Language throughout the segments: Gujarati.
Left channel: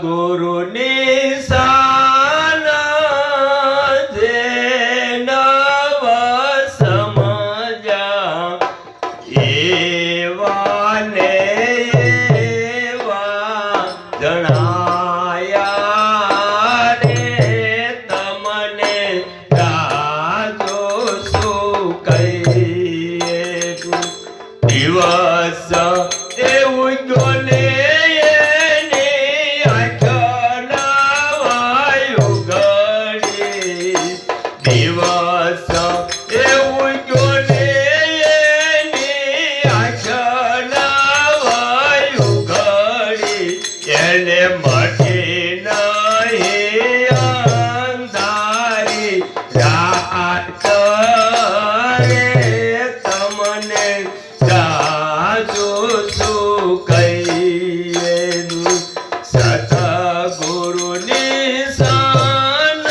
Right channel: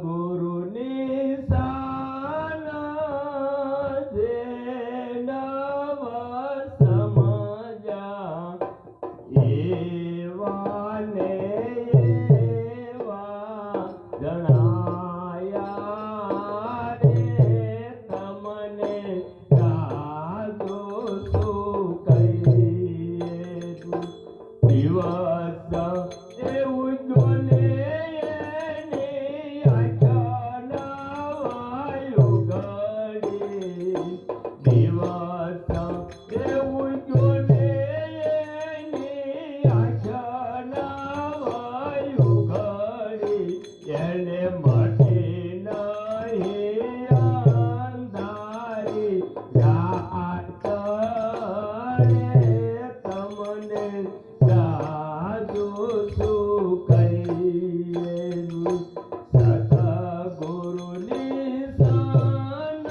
સતગુરુની શાન જે નવ સમજ્યા એવા ને એવા જણાયા રે તમને રાજો શું કહીએ દિવસ એવું જોને દિવસ એવું જોને એની આંખના ઘડી એને મટી નહીં અંધારી રાત રે તમને જાજો શું કહીએ સતગુરુની શાન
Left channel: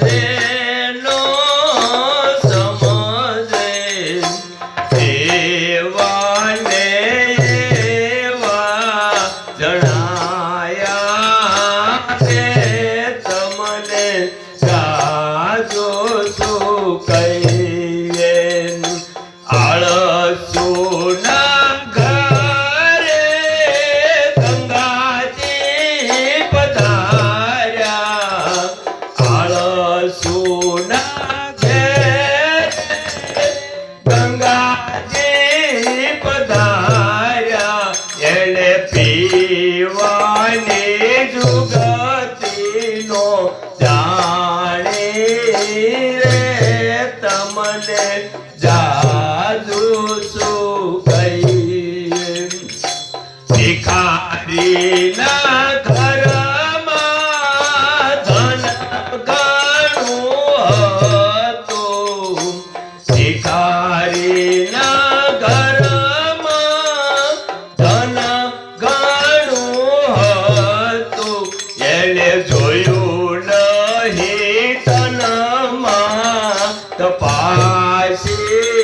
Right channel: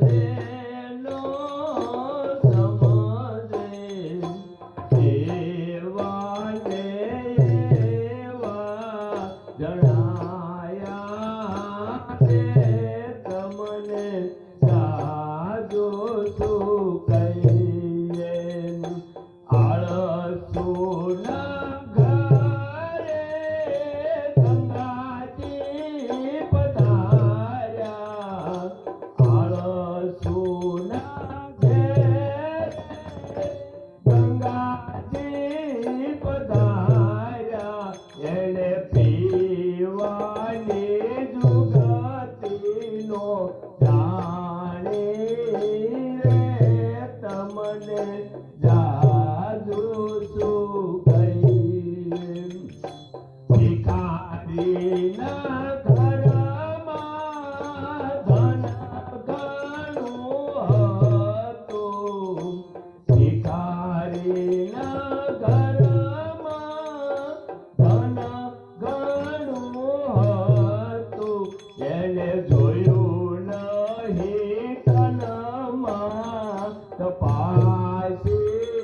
જેનો સમજે એવા ને એવા જણાયા છે તમને જાજો શું કહીએ આળસુના ઘરે ગંગાજી પધાર્યા આળસુના ઘરે ગંગાજી પધાર્યા એને પીવાની જુગતીનો જાણી રે તમને જાજુ શું કહીએ ભિખારીના ઘરમાં ધન ઘણું હતું ભિખારીના ઘરમાં ધન ઘણું હતું એને જોયું નહીં તનમાં તપાસી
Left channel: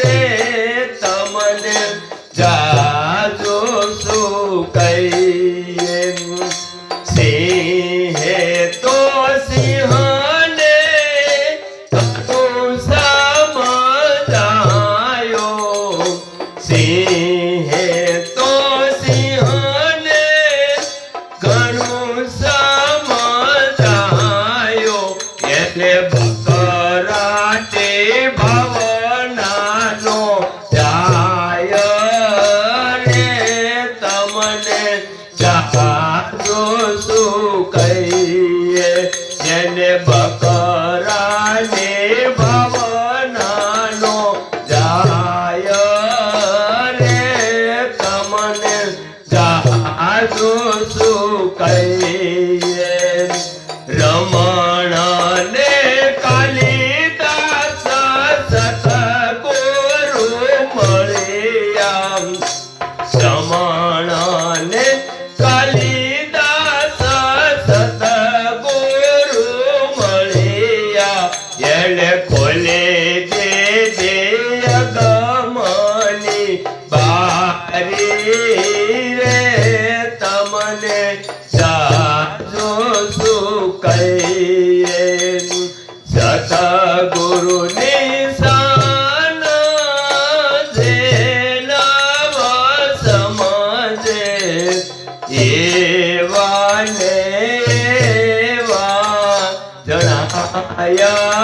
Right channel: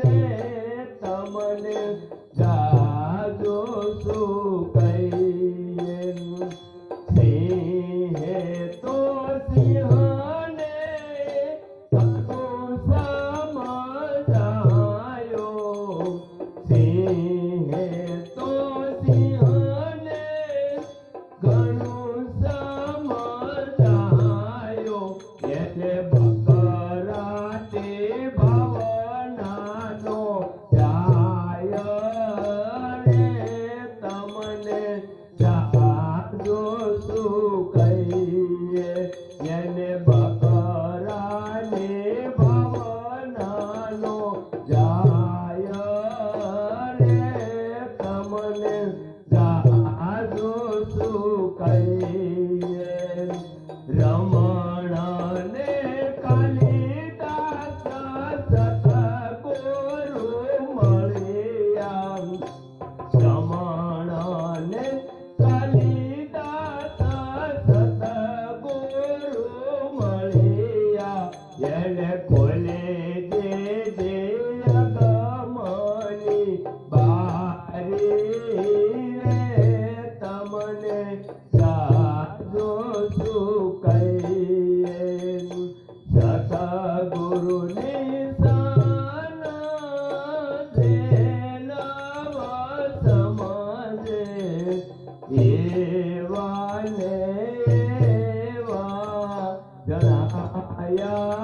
રે તમને જાજો શું કહીએ સિંહે તો સિંહને સમજાયો સિંહે તો સિંહને ઘણું સમજાયો એટલે બકરાટે ભવનાનો જાય રે તમને જાજો શું કહીએ એને બકરાને ભવનાનો જાય રે તમને જાજો શું કહીએ રમણને કાલિદાસ સતગુરુ મળ્યા રમણને કાલિદાસ સતગુરુ મળ્યા એને ખોલે દે ગમની બારી રે તમને જાજો શું કહીએ સતગુરુની શાન જે નવ સમજે એવા ને એવા જણાયા